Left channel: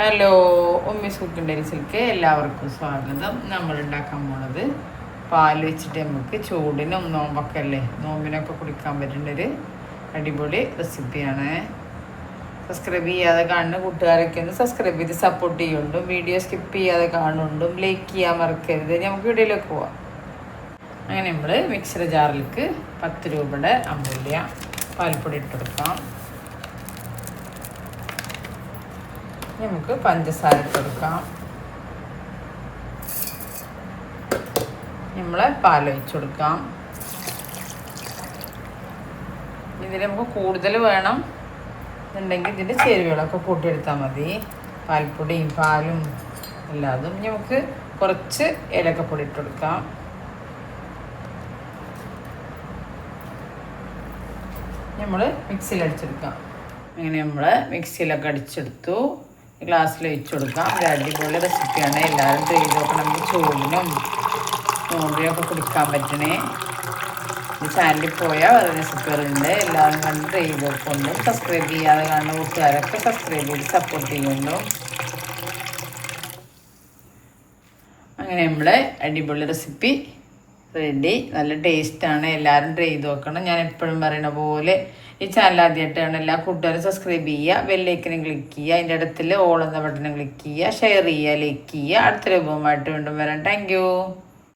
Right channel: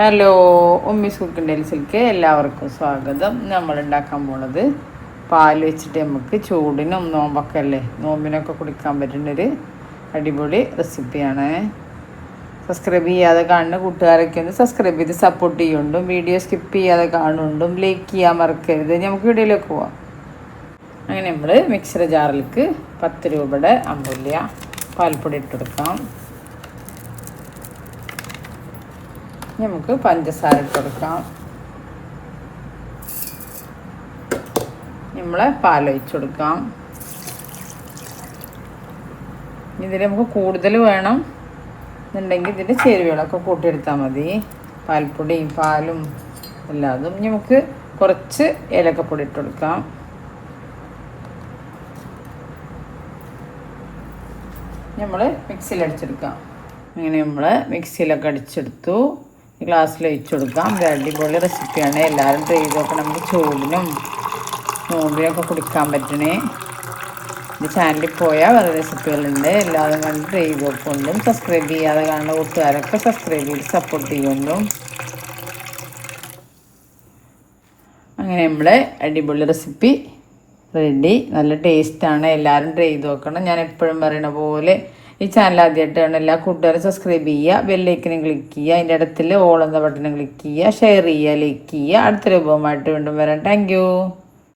Hello, Ummis cooking ഡെൽസിലേക്ക് എല്ലാവർക്കും സ്വാഗതം. നമ്മൾ ഉണ്ടാക്കാൻ പോണത് പാൽ വെച്ചിട്ട് നമുക്ക് ചൂടിനും നോമ്പൊക്കെ അല്ലേ, നോമ്പിനൊക്കെ കുടിക്കാൻ പറ്റുന്നൊരു അടിപൊളി റെസിപ്പിയാണ്. സബ്സ്ക്രൈബ് ചെയ്യാതെ കാണുന്ന കൂട്ടുകാരൊക്കെ ഒന്ന് സബ്സ്ക്രൈബ് ചെയ്ത് സപ്പോർട്ട് ചെയ്യുന്നുണ്ടും, വീഡിയോ സ്കിപ്പ് ചെയ്യാതെ കാണുന്നുണ്ടും ലൈക്ക് ചെയ്യാൻ മറക്കരുത്. നമുക്ക് വീഡിയോയിലേക്ക് പോവാം. അങ്ങനെ നമ്മൾ മിക്സർ ജാറിലേക്ക് 10 രൂപയുടെ അമ്പല്യ പാൽപ്പൊടി ഇട്ട് കൊടുക്കാം. നമുക്ക് പഞ്ചസാര ഇട്ട് കൊടുക്കാം. നമ്മൾ പാലൊഴിച്ച് കൊടുക്കാം. ഇതിൽ നമുക്ക് കൂടുതൽ വേണം എന്നുണ്ടെങ്കിൽ ഇതിൻ്റെ ചേരുവകളൊക്കെ കൂട്ടിയെടുത്താൽ മതി. പാൽപ്പൊടിയും പാലും എല്ലാതും. നമുക്ക് കുറച്ച് ഏലക്കപ്പൊടി ഇട്ട് കൊടുക്കാം. നമ്മൾ മിക്സിയിൽ അടിച്ചെടുക്കാം. അങ്ങനെ നമ്മൾ മിക്സിയിലൊക്കെ അടിച്ചെടുത്തു. ഗ്ലാസ്സിൽ ഒഴിച്ചു കൊടുക്കാം. അടിപൊളി റെസിപ്പിയാണ്. എല്ലാവരും ചെയ്ത് നോക്കണം. നമുക്ക് ചൂടിനും നോമ്പിനൊക്കെ കുടിക്കാൻ പറ്റണേ. ചാനലിൽ പോയാൽ വേറെ റെസിപ്പികളുണ്ട്. എല്ലാവരും കണ്ട് ചെയ്ത് നോക്കുന്നുണ്ടും, സബ്സ്ക്രൈബ് ചെയ്യാതെ കാണുന്ന കൂട്ടുകാരൊക്കെ സബ്സ്ക്രൈബ് ചെയ്ത് സപ്പോർട്ട് ചെയ്യുന്നുണ്ടും. അങ്ങനെ നമ്മുടെ അടിപൊളി റെസിപ്പി റെഡി. നല്ല ടേസ്റ്റാണ്. എല്ലാവരും ട്രൈ ചെയ്ത് നോക്കണം. ഞാൻ എപ്പോഴും പറയണ പോലെ ഈ ചാനൽ ആദ്യമായിട്ടാണ് എല്ലാ കൂട്ടുകാരും സബ്സ്ക്രൈബ് ചെയ്യുക, ബെല്ലൈക്കനും ക്ലിക്ക് ചെയ്യുക, അതിൻ്റെ അടുത്തിൽ ഓൾ എന്ന ബട്ടനും ക്ലിക്ക് ചെയ്യുക, ഷെയർ ചെയ്യുക, ലൈക്ക് ചെയ്യുക. അടുത്ത രൂപമായിട്ട് വീണ്ടും വരാം. താങ്ക്